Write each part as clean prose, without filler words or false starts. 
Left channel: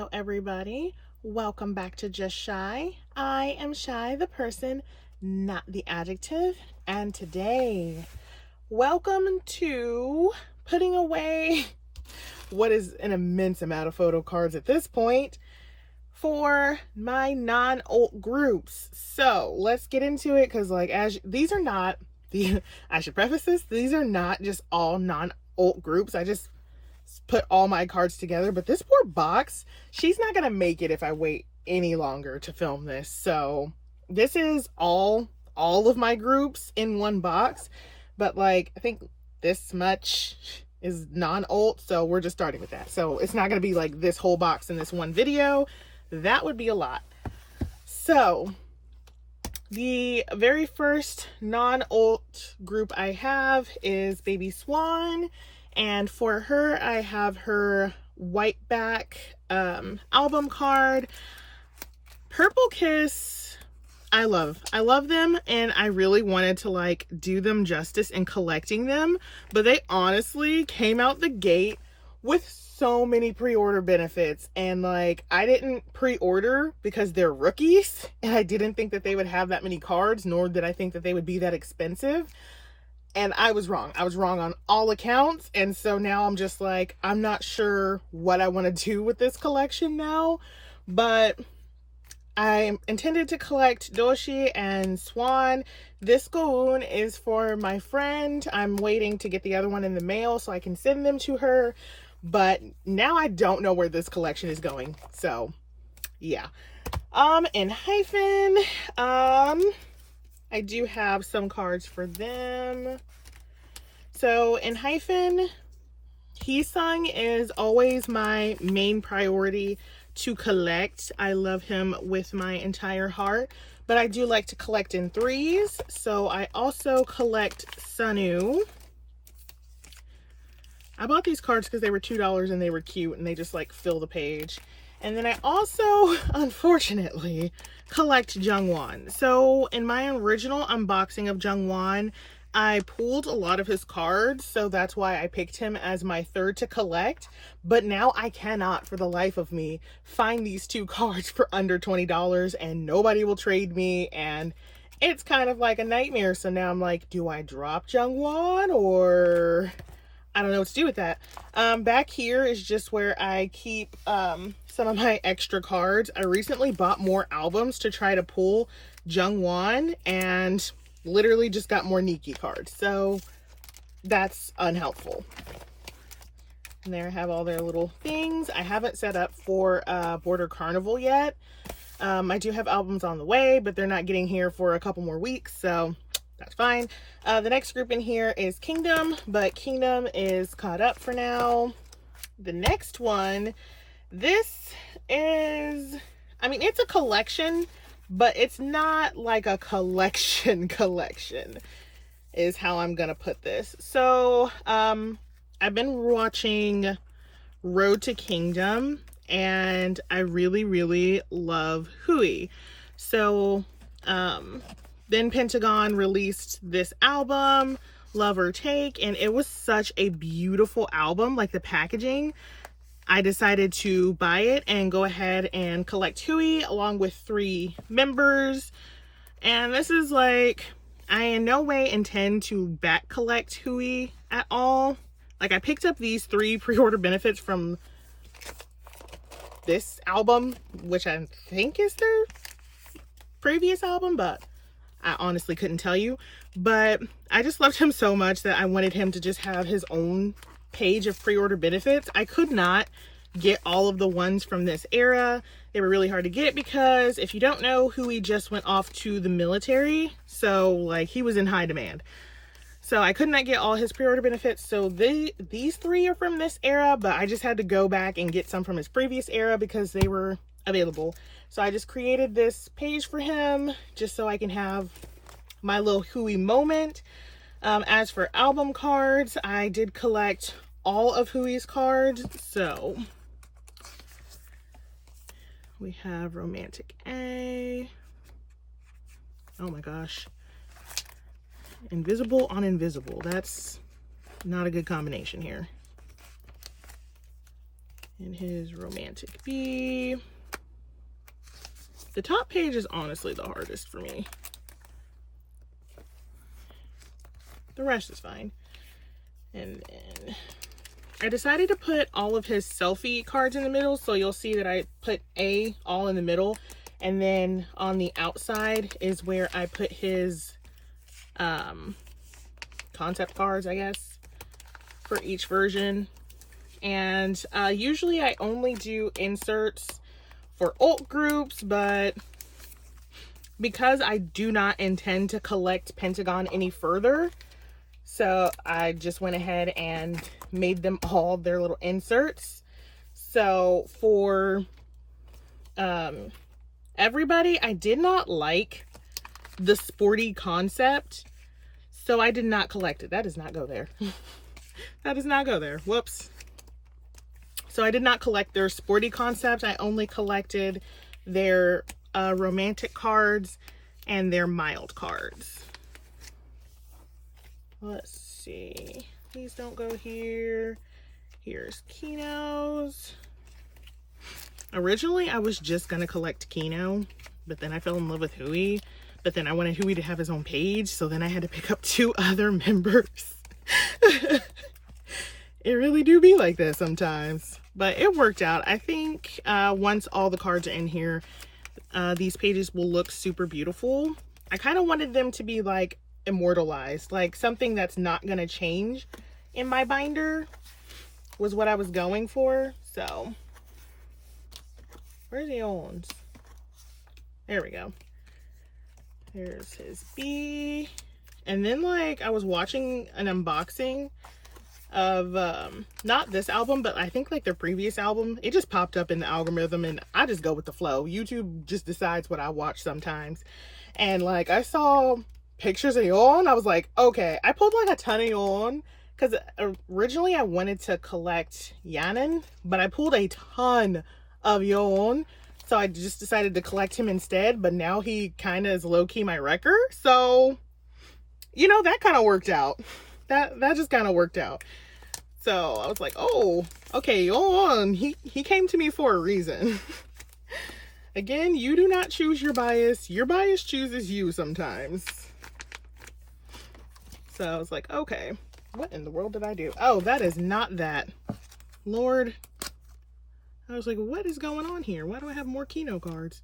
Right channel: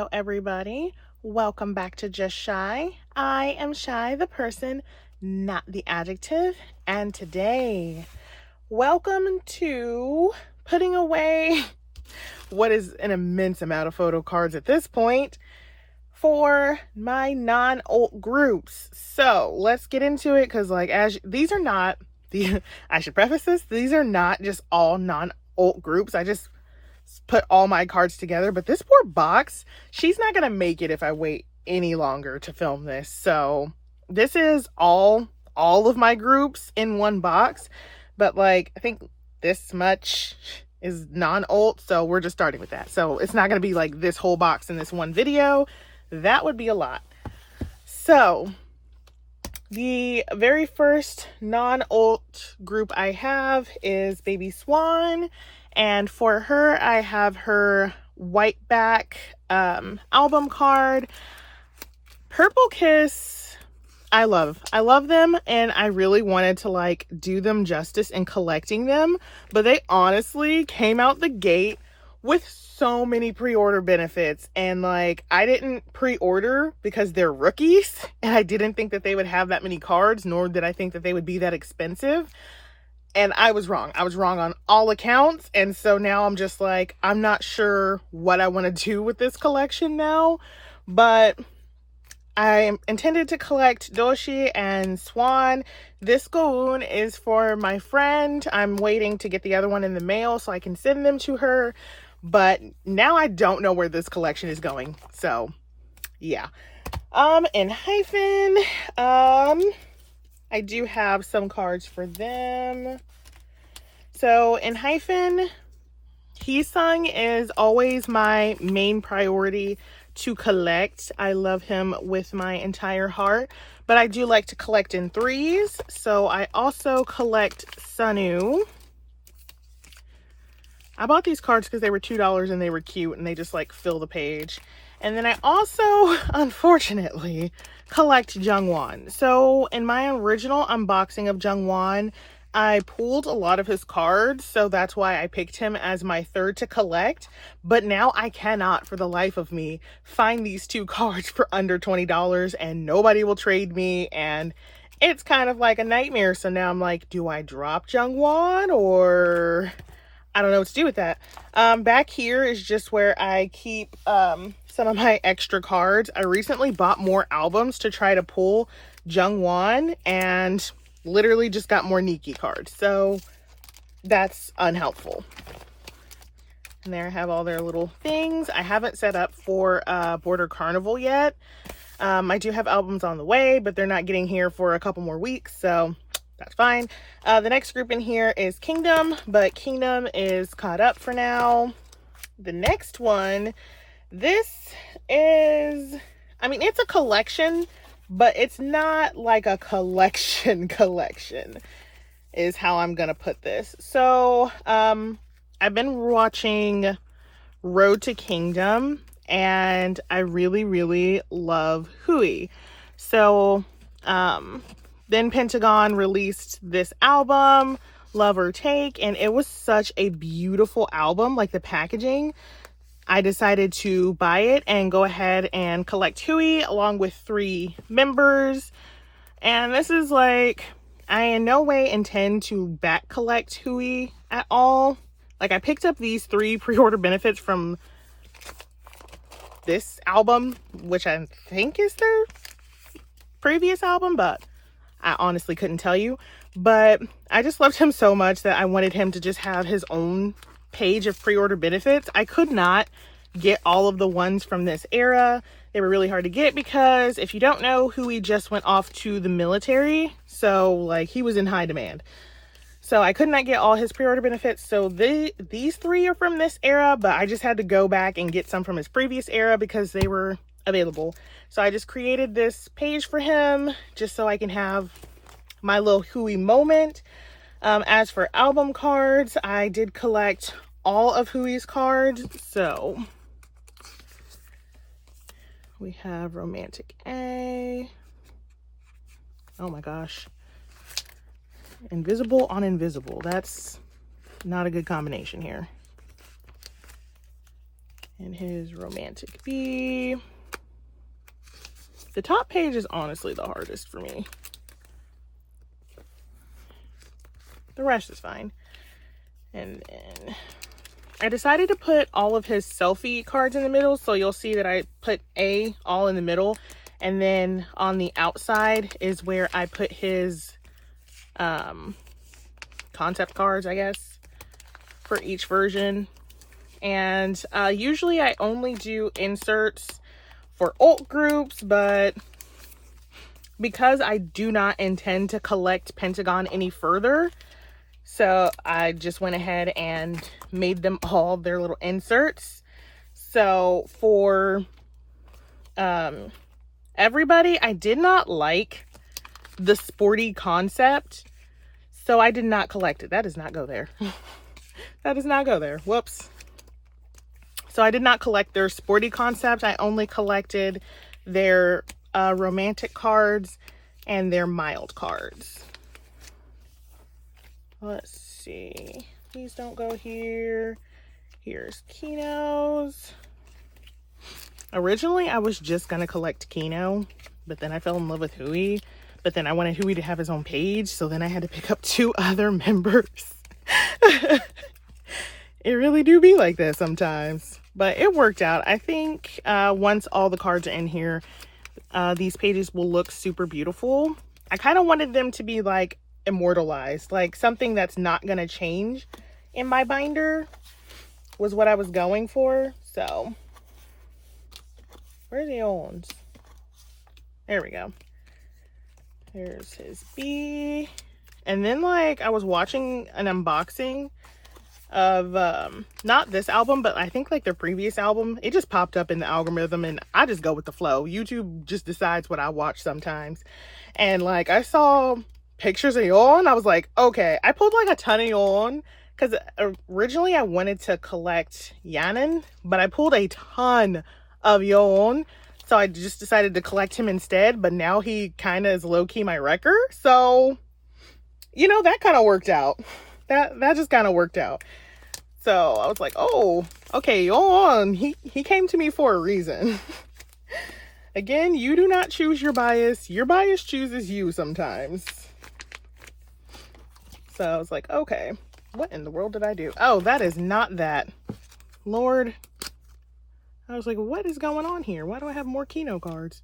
Hello everybody, welcome back to Just Shy. I am Shy, the person, not the adjective, and today, welcome to putting away what is an immense amount of photo cards at this point for my non-ult groups. So let's get into it, because these are not I should preface this, these are not just all non-ult groups. I just put all my cards together, but this poor box, she's not gonna make it if I wait any longer to film this. So this is all of my groups in one box, but I think this much is non-ult, so we're just starting with that. So it's not gonna be like this whole box in this one video. That would be a lot. So the very first non-ult group I have is Baby Swan. And for her, I have her white back album card. Purple Kiss, I love them, and I really wanted to do them justice in collecting them, but they honestly came out the gate with so many pre-order benefits, and I didn't pre-order because they're rookies, and I didn't think that they would have that many cards, nor did I think that they would be that expensive. And I was wrong. I was wrong on all accounts. And so now I'm just I'm not sure what I want to do with this collection now. But I intended to collect Doshi and Swan. This Goon is for my friend. I'm waiting to get the other one in the mail so I can send them to her. But now I don't know where this collection is going. So, yeah. Enhypen. I do have some cards for them. So Enhypen, Heesung is always my main priority to collect. I love him with my entire heart, but I do like to collect in threes. So I also collect Sunu. I bought these cards because they were $2 and they were cute and they just fill the page. And then I also, unfortunately, collect Jungwon. So in my original unboxing of Jungwon, I pulled a lot of his cards, so that's why I picked him as my third to collect. But now I cannot, for the life of me, find these two cards for under $20, and nobody will trade me, and it's kind of like a nightmare. So now I'm like, do I drop Jungwon, or I don't know what to do with that. Back here is just where I keep some of my extra cards. I recently bought more albums to try to pull Jungwon, and literally just got more Nikki cards. So that's unhelpful. And there I have all their little things. I haven't set up for Border Carnival yet. I do have albums on the way, but they're not getting here for a couple more weeks, so that's fine. The next group in here is Kingdom, but Kingdom is caught up for now. The next one, this is, it's a collection, but it's not like a collection is how I'm gonna put this. So I've been watching Road to Kingdom, and I really love Hui. So then Pentagon released this album, Love or Take, and it was such a beautiful album. The packaging, I decided to buy it and go ahead and collect Hui along with 3 members. And this is I in no way intend to back collect Hui at all. I picked up these 3 pre-order benefits from this album, which I think is their previous album, but I honestly couldn't tell you. But I just loved him so much that I wanted him to just have his own page of pre-order benefits. I could not get all of the ones from this era. They were really hard to get because if you don't know, Hui just went off to the military. So he was in high demand. So I could not get all his pre-order benefits. So these 3 are from this era, but I just had to go back and get some from his previous era because they were available. So I just created this page for him just so I can have my little Hui moment. As for album cards, I did collect all of Hui's cards. So we have Romantic A. Oh my gosh. Invisible on Invisible. That's not a good combination here. And his romantic bee. The top page is honestly the hardest for me. The rest is fine. And then I decided to put all of his selfie cards in the middle. So you'll see that I put A all in the middle. And then on the outside is where I put his concept cards, I guess, for each version. And usually I only do inserts for ult groups, but because I do not intend to collect Pentagon any further, so I just went ahead and made them all their little inserts. So for everybody, I did not like the sporty concept, so I did not collect it. That does not go there. That does not go there. Whoops. So I did not collect their sporty concept. I only collected their romantic cards and their mild cards. Let's see. Please don't go here. Here's Kino's. Originally, I was just going to collect Kino, but then I fell in love with Hui. But then I wanted Hui to have his own page, so then I had to pick up 2 other members. It really do be like that sometimes. But it worked out. I think once all the cards are in here, these pages will look super beautiful. I kind of wanted them to be like immortalized, like something that's not going to change in my binder was what I was going for. So where are the old ones? There we go. Here's his bee. And then like I was watching an unboxing of not this album, but I think like their previous album. It just popped up in the algorithm and I just go with the flow. YouTube just decides what I watch sometimes. And like I saw pictures of Yeon. I was like, okay. I pulled like a ton of Yeon because originally I wanted to collect Yanan, but I pulled a ton of Yeon. So I just decided to collect him instead, but now he kind of is low-key my wrecker. So, you know, that kind of worked out. That just kind of worked out. So I was like, oh, okay, Yeon, he came to me for a reason. Again, you do not choose your bias. Your bias chooses you sometimes. So I was like, okay, what in the world did I do? Oh, that is not that. Lord. I was like, what is going on here? Why do I have more Kino cards?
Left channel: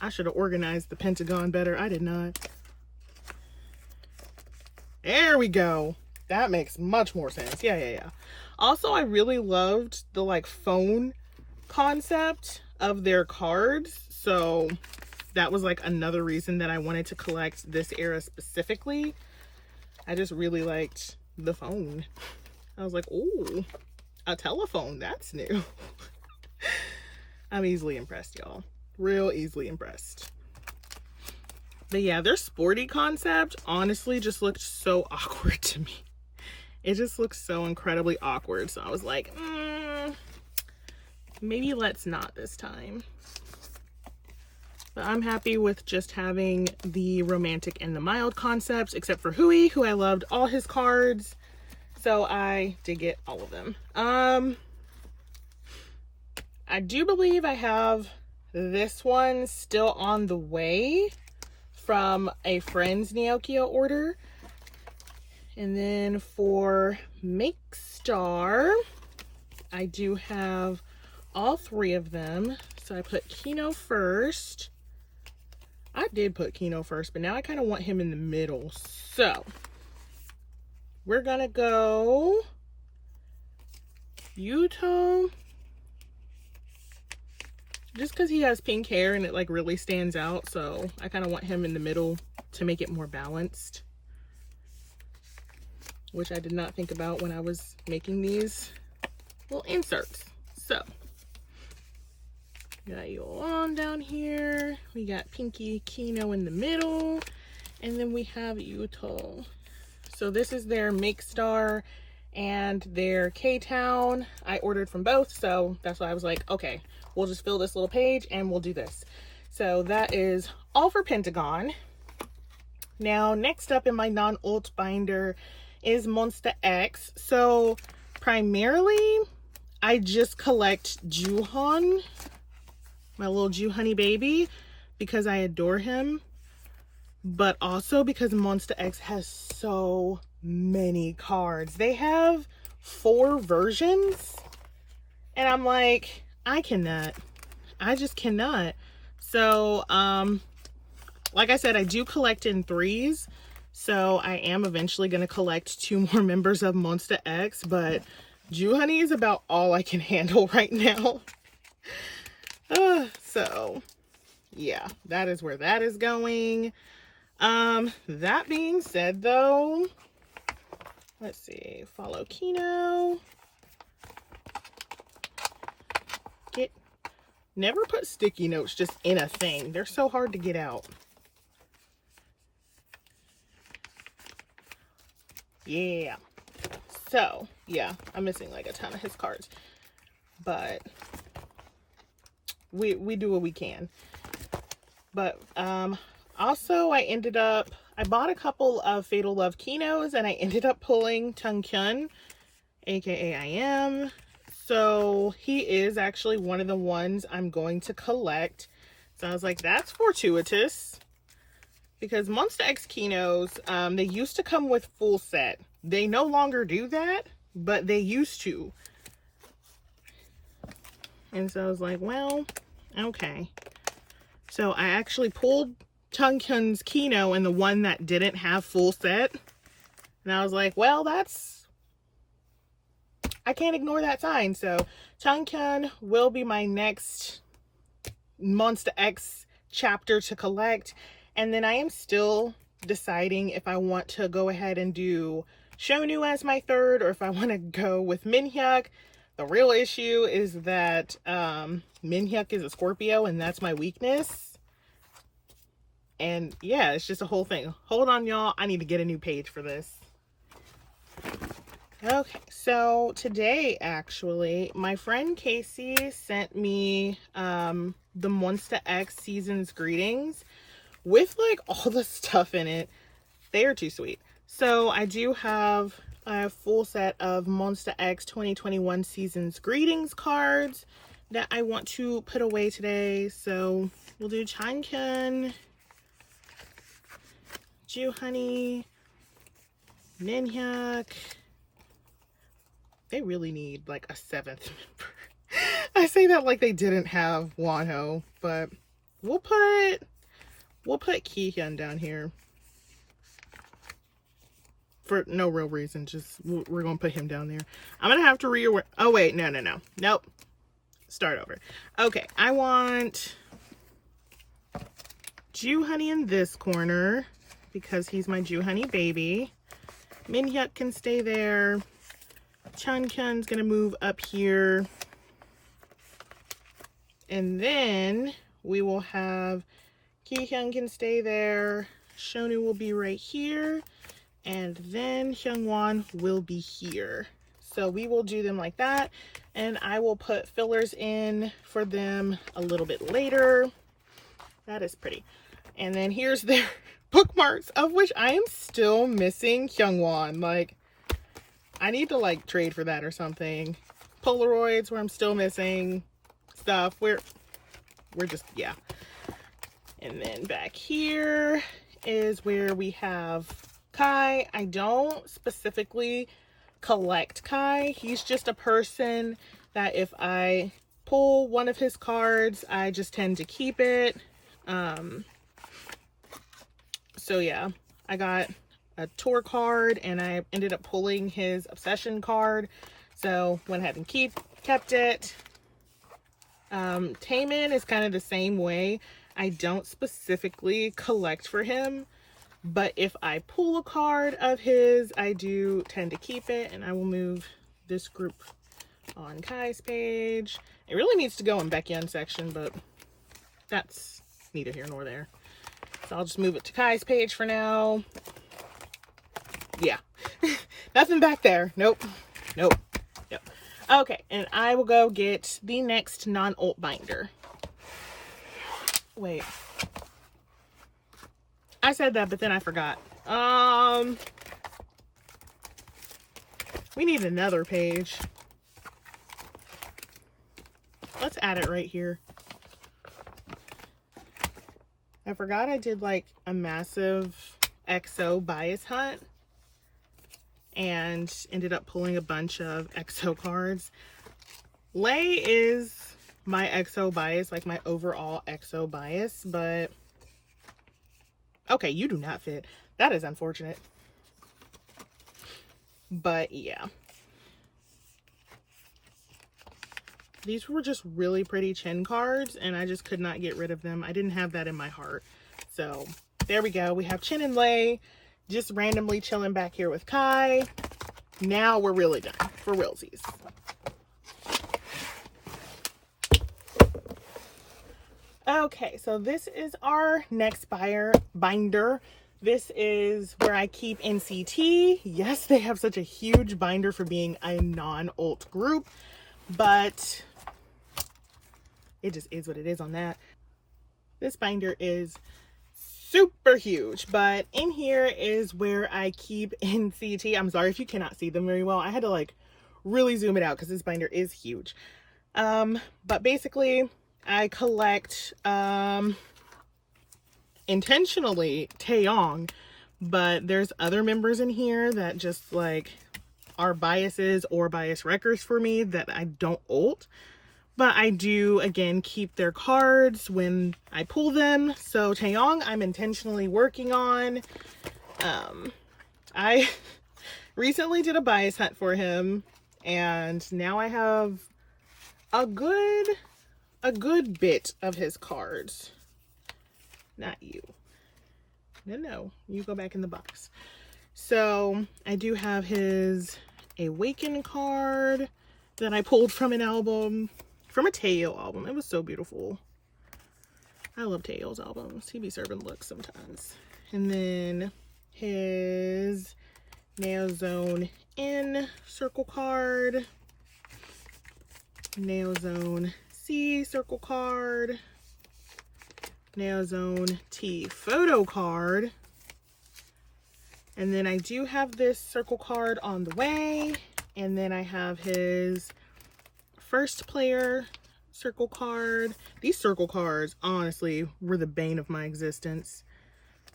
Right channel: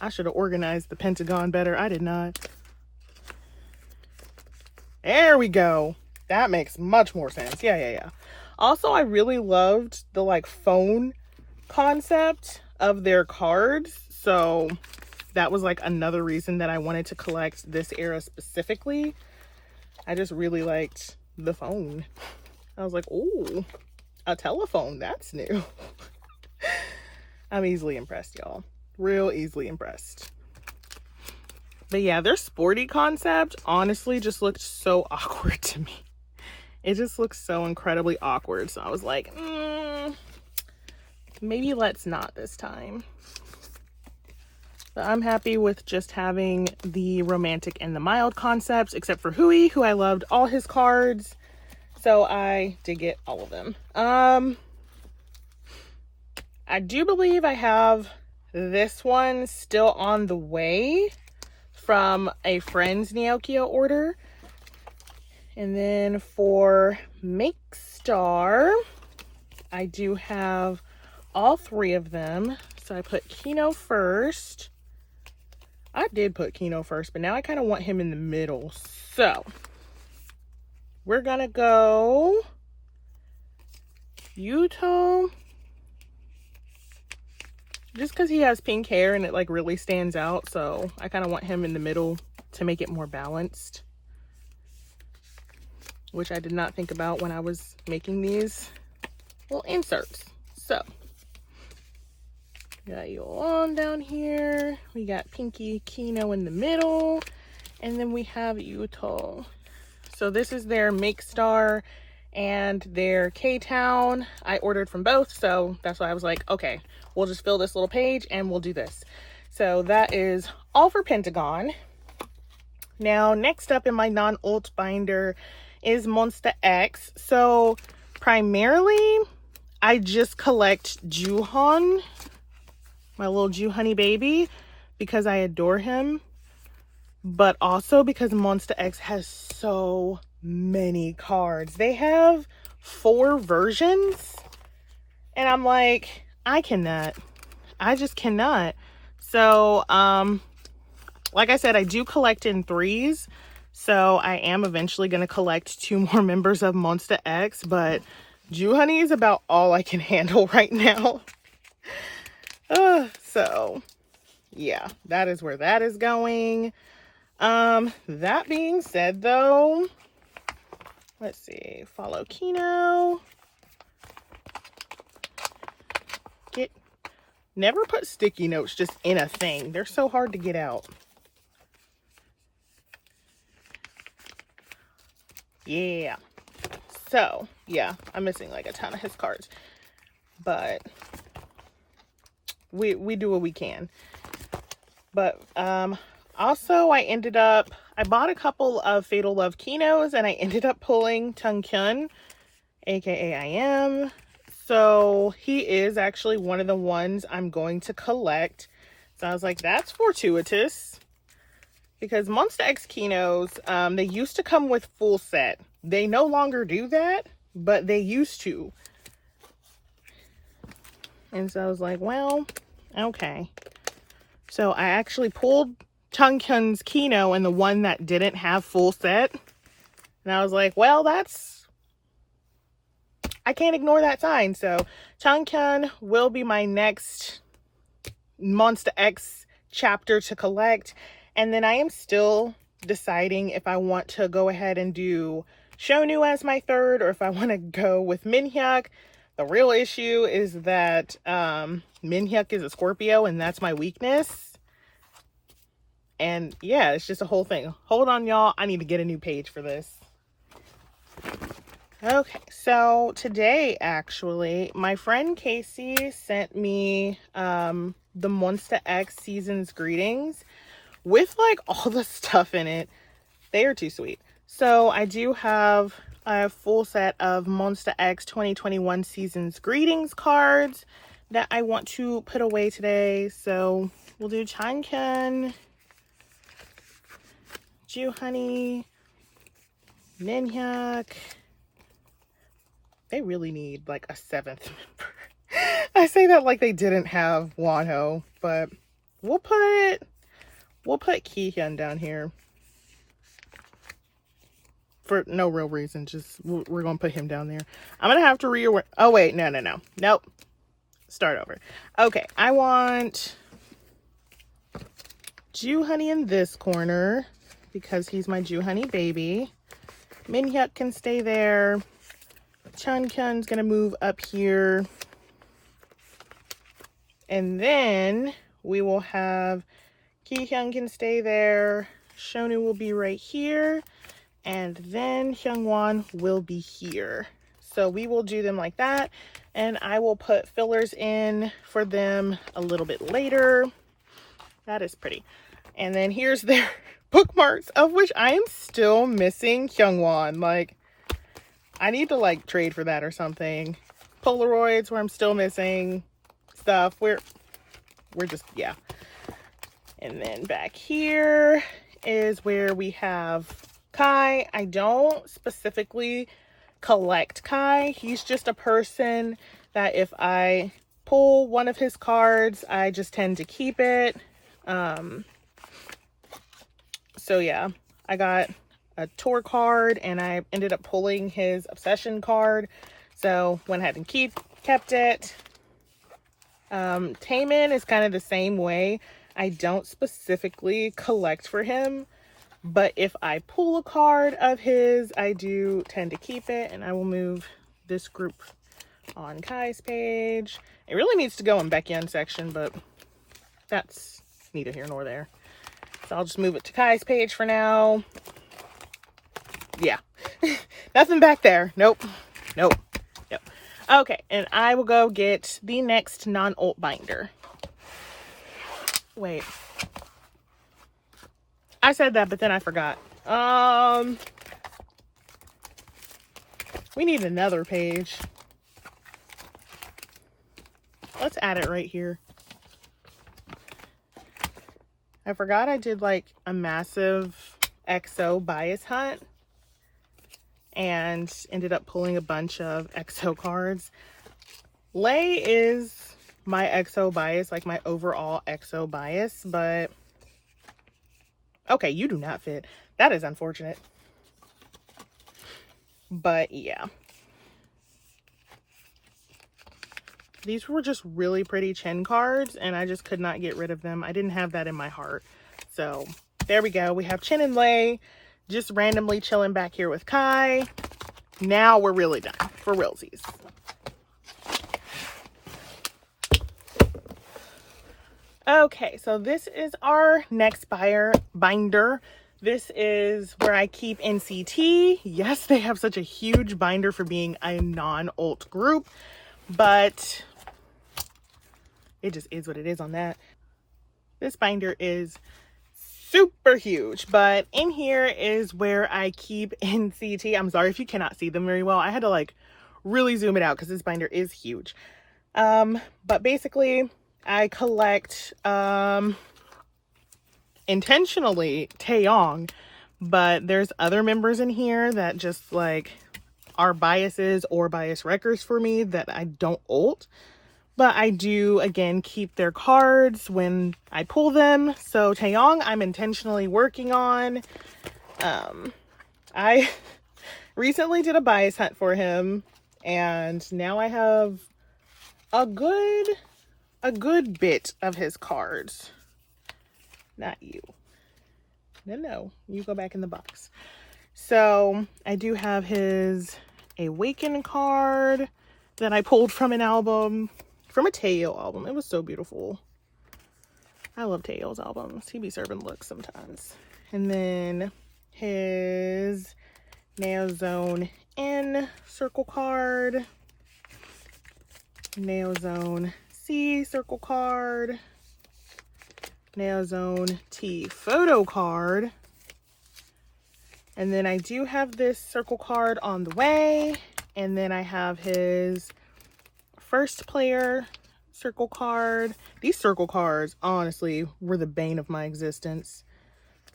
I should have organized the Pentagon better. I did not. There we go. That makes much more sense. Yeah. Also, I really loved the like phone concept of their cards. So that was like another reason that I wanted to collect this era specifically. I just really liked the phone. I was like, oh, a telephone. That's new. I'm easily impressed, y'all. Real easily impressed. But yeah, their sporty concept honestly just looked so awkward to me. It just looks so incredibly awkward. So I was like, maybe let's not this time. But I'm happy with just having the romantic and the mild concepts, except for Hui, who I loved all his cards. So I did get all of them. I do believe I have this one still on the way from a friend's Neokyo order. And then for Make Star, I do have all 3 of them. So I put Kino first. I did put Kino first, but now I kind of want him in the middle. So we're going to go Yuto. Just because he has pink hair and it like really stands out. So I kind of want him in the middle to make it more balanced. Which I did not think about when I was making these little inserts. So we got Yeon down here. We got Pinky Kino in the middle. And then we have Yuto. So this is their Make Star and their K-Town. I ordered from both. So that's why I was like, okay, we'll just fill this little page and we'll do this. So that is all for Pentagon. Now, next up in my non-ult binder is Monsta X. So primarily, I just collect Juhon, my little Juhoney baby, because I adore him, but also because Monsta X has so many cards. They have 4 versions, and I'm like, I just cannot. So, like I said, I do collect in 3s, so I am eventually going to collect 2 more members of Monsta X, but Juhoney is about all I can handle right now. So yeah, that is where that is going. That being said though, let's see, follow Kino. Never put sticky notes just in a thing. They're so hard to get out. Yeah. So yeah, I'm missing like a ton of his cards, but we do what we can. But also I bought a couple of Fatal Love Kinos, and I ended up pulling Tung Kyun, aka I Am. So he is actually one of the ones I'm going to collect. So I was like, that's fortuitous, because Monsta X Kinos, they used to come with full set. They no longer do that, but they used to. And so I was like, well, okay. So I actually pulled Tung Kyun's Kino and the one that didn't have full set. And I was like, well, I can't ignore that sign. So Tung Kyun will be my next Monsta X chapter to collect. And then I am still deciding if I want to go ahead and do Shonu as my 3rd, or if I want to go with Minhyuk. The real issue is that Minhyuk is a Scorpio, and that's my weakness. And yeah, it's just a whole thing. Hold on, y'all. I need to get a new page for this. Okay, so today, actually, my friend Casey sent me the Monsta X Season's Greetings with, like, all the stuff in it. They are too sweet. So I do have a full set of Monsta X 2021 Season's Greetings cards that I want to put away today. So we'll do Tung Kyun, Juhoney, Minhyuk. They really need like a 7th member. I say that like they didn't have Wonho, but we'll put Kihyun down here for no real reason. Just we're gonna put him down there. I'm gonna have to rearrange. Oh wait, nope. Start over. Okay, I want Juhoney in this corner because he's my Juhoney baby. Minhyuk can stay there. Tung Kyun's gonna move up here. And then we will have Kihyun can stay there. Shonu will be right here. And then Hyungwon will be here. So we will do them like that. And I will put fillers in for them a little bit later. That is pretty. And then here's their bookmarks, of which I am still missing Hyungwon. Like, I need to like trade for that or something. Polaroids where I'm still missing stuff. We're just, yeah. And then back here is where we have Kai. I don't specifically collect Kai. He's just a person that if I pull one of his cards, I just tend to keep it. So yeah, I got a tour card and I ended up pulling his obsession card. So went ahead and kept it. Taemin is kind of the same way. I don't specifically collect for him, but if I pull a card of his, I do tend to keep it, and I will move this group on Kai's page. It really needs to go in Baekhyun's section, but that's neither here nor there. So I'll just move it to Kai's page for now. Yeah, nothing back there. Nope. Okay, and I will go get the next non-ult binder. Wait. I said that, but then I forgot. We need another page. let's add it right here. I forgot I did like a massive XO bias hunt and ended up pulling a bunch of XO cards. Lay is my XO bias, like my overall XO bias, but okay, you do not fit. That is unfortunate. But yeah. These were just really pretty chin cards, and I just could not get rid of them. I didn't have that in my heart. So there we go. We have Chin and Lay just randomly chilling back here with Kai. Now we're really done for realsies. Okay, so this is our next binder. This is where I keep NCT. Yes, they have such a huge binder for being a non-Ult group, but it just is what it is on that. This binder is super huge, but in here is where I keep NCT. I'm sorry if you cannot see them very well. I had to like really zoom it out because this binder is huge. But basically I collect intentionally Taeyong, but there's other members in here that just like are biases or bias wreckers for me that I don't ult. But I do, again, keep their cards when I pull them. So Taeyong, I'm intentionally working on. I recently did a bias hunt for him, and now I have a good bit of his cards. Not you. No, you go back in the box. So I do have his Awaken card that I pulled from an album. From a Taeyo album. It was so beautiful. I love Taeyo's albums. He be serving looks sometimes. And then his Neo Zone N circle card. Neo Zone C circle card. Neo Zone T photo card. And then I do have this circle card on the way. And then I have his first player circle card. These circle cards, honestly, were the bane of my existence.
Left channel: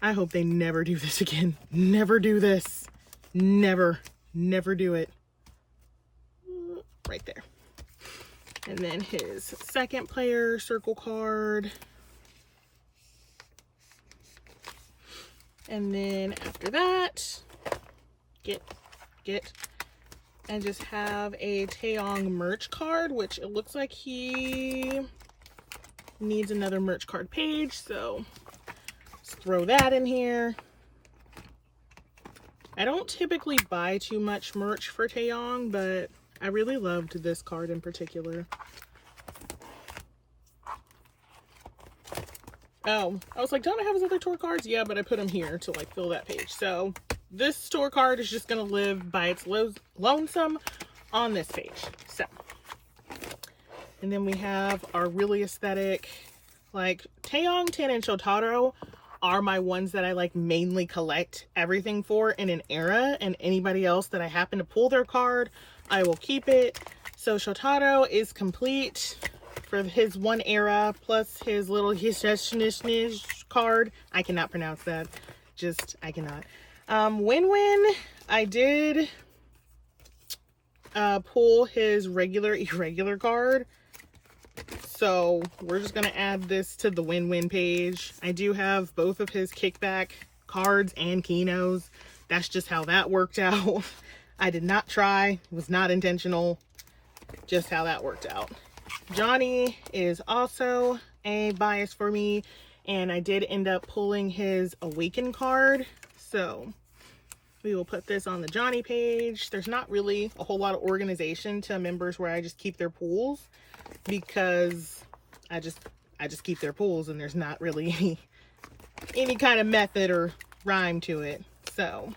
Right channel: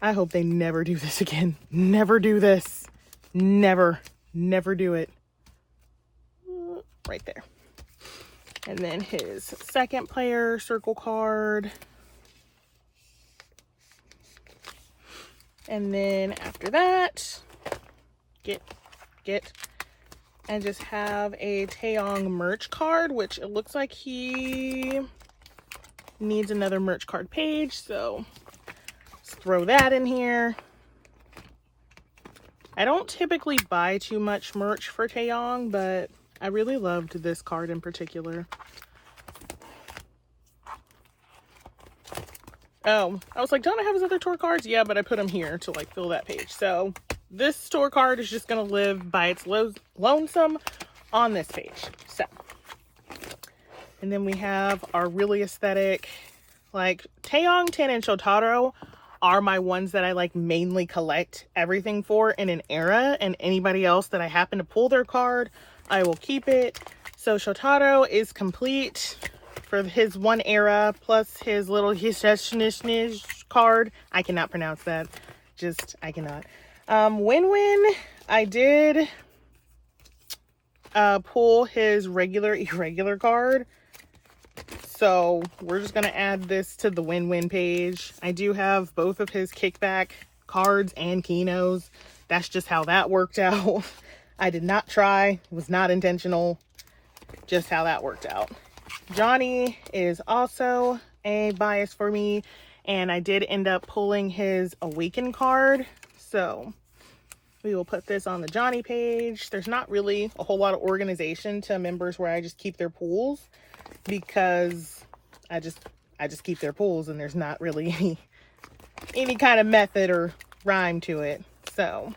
I hope they never do this again. Never do this. Never do it. Right there. And then his second player circle card. And then after that, I just have a Taeyong merch card, which it looks like he needs another merch card page. So let's throw that in here. I don't typically buy too much merch for Taeyong, but I really loved this card in particular. Oh, I was like, don't I have his other tour cards? Yeah, but I put them here to like fill that page. So this store card is just going to live by its lonesome on this page. So, and then we have our really aesthetic, like Taeyong, Ten, and Shotaro are my ones that I like mainly collect everything for in an era, and anybody else that I happen to pull their card, I will keep it. So Shotaro is complete for his one era, plus his little Hisheshnish card. I cannot pronounce that. I cannot. Win-Win, I did pull his regular irregular card. So we're just going to add this to the Win-Win page. I do have both of his kickback cards and Kinos. That's just how that worked out. I did not try. It was not intentional. Just how that worked out. Johnny is also a bias for me. And I did end up pulling his Awaken card. So we will put this on the Johnny page. There's not really a whole lot of organization to members where I just keep their pools, because I just keep their pools and there's not really any kind of method or rhyme to it. So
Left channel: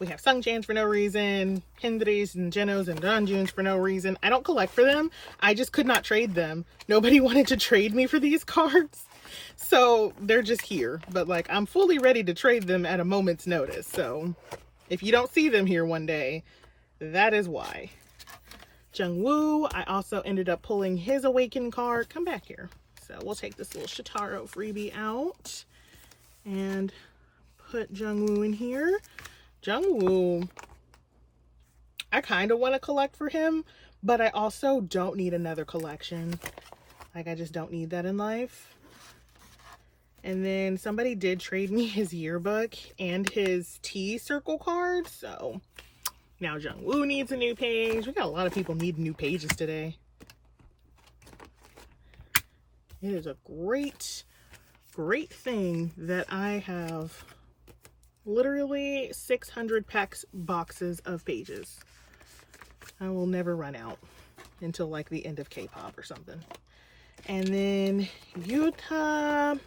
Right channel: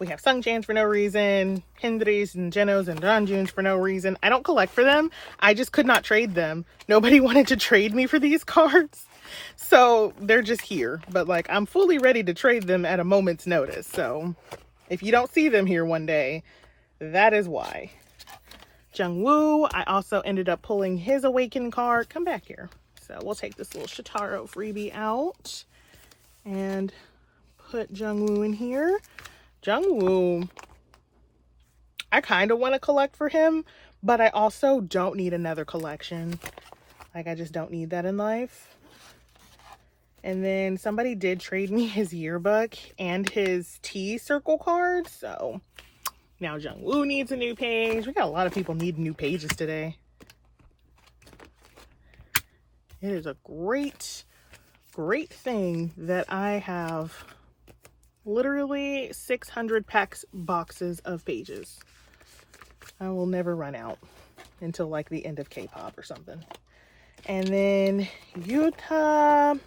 we have Sungchans for no reason, Hendrys and Genos and Ranjuns for no reason. I don't collect for them. I just could not trade them. Nobody wanted to trade me for these cards. So they're just here, but like I'm fully ready to trade them at a moment's notice. So if you don't see them here one day, that is why. Jungwoo. I also ended up pulling his Awaken card. Come back here. So we'll take this little Shotaro freebie out and put Jungwoo in here. Jungwoo, I kind of want to collect for him, but I also don't need another collection. Like, I just don't need that in life. And then somebody did trade me his yearbook and his T circle card. So now Jungwoo needs a new page. We got a lot of people needing new pages today. It is a great, great thing that I have literally 600 boxes of pages. I will never run out until like the end of K-pop or something. And then Yuta, I'm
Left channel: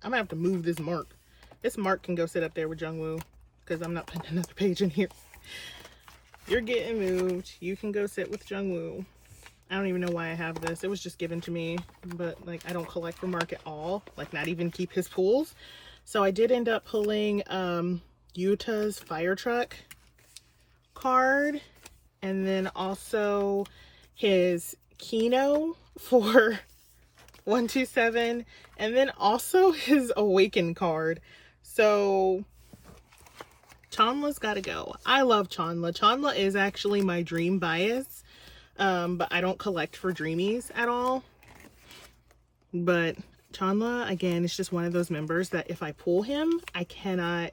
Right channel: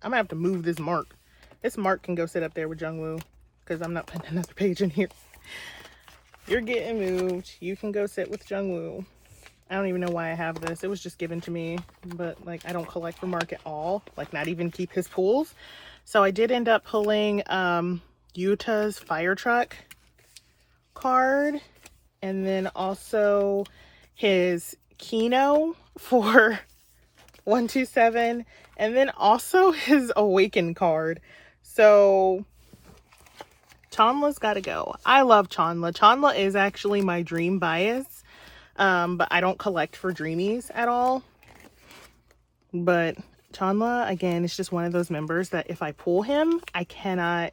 gonna have to move this mark. This mark can go sit up there with Jungwoo because I'm not putting another page in here. You're getting moved. You can go sit with Jungwoo. I don't even know why I have this. It was just given to me, but like I don't collect the mark at all. Like not even keep his pools. So I did end up pulling Yuta's fire truck card, and then also his Kino for 127, and then also his Awaken card. So Chanla's got to go. I love Chanla. Chanla is actually my dream bias. But I don't collect for dreamies at all. But Chanla, again, is just one of those members that if I pull him, I cannot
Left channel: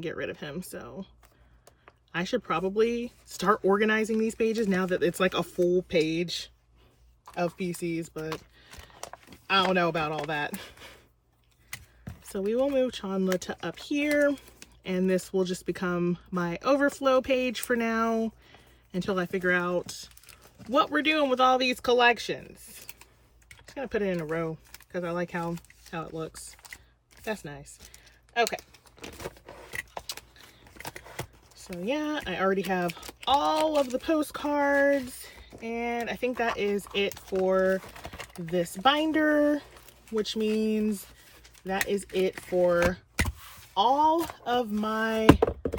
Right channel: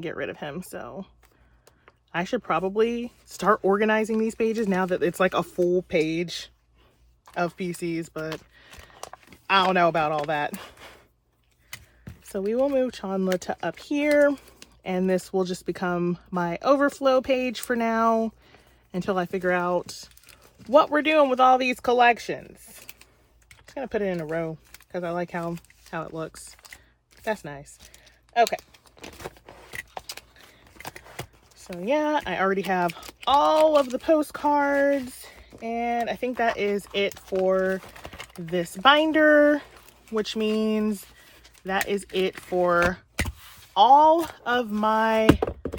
get rid of him. So I should probably start organizing these pages now that it's like a full page of PCs, but I don't know about all that. So we will move Chanla to up here, and this will just become my overflow page for now until I figure out what we're doing with all these collections. I'm just gonna put it in a row because I like how it looks. That's nice. Okay. So yeah, I already have all of the postcards, and I think that is it for this binder, which means that is it for all of my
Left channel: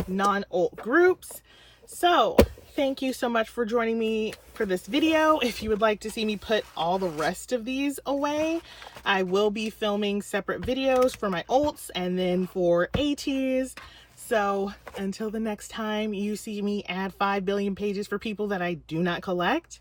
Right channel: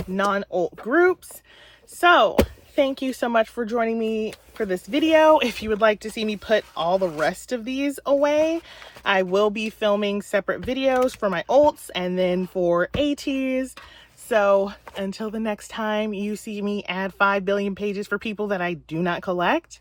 non-ult groups. So thank you so much for joining me for this video. If you would like to see me put all the rest of these away, I will be filming separate videos for my ults and then for ATs. So until the next time you see me add 5 billion pages for people that I do not collect,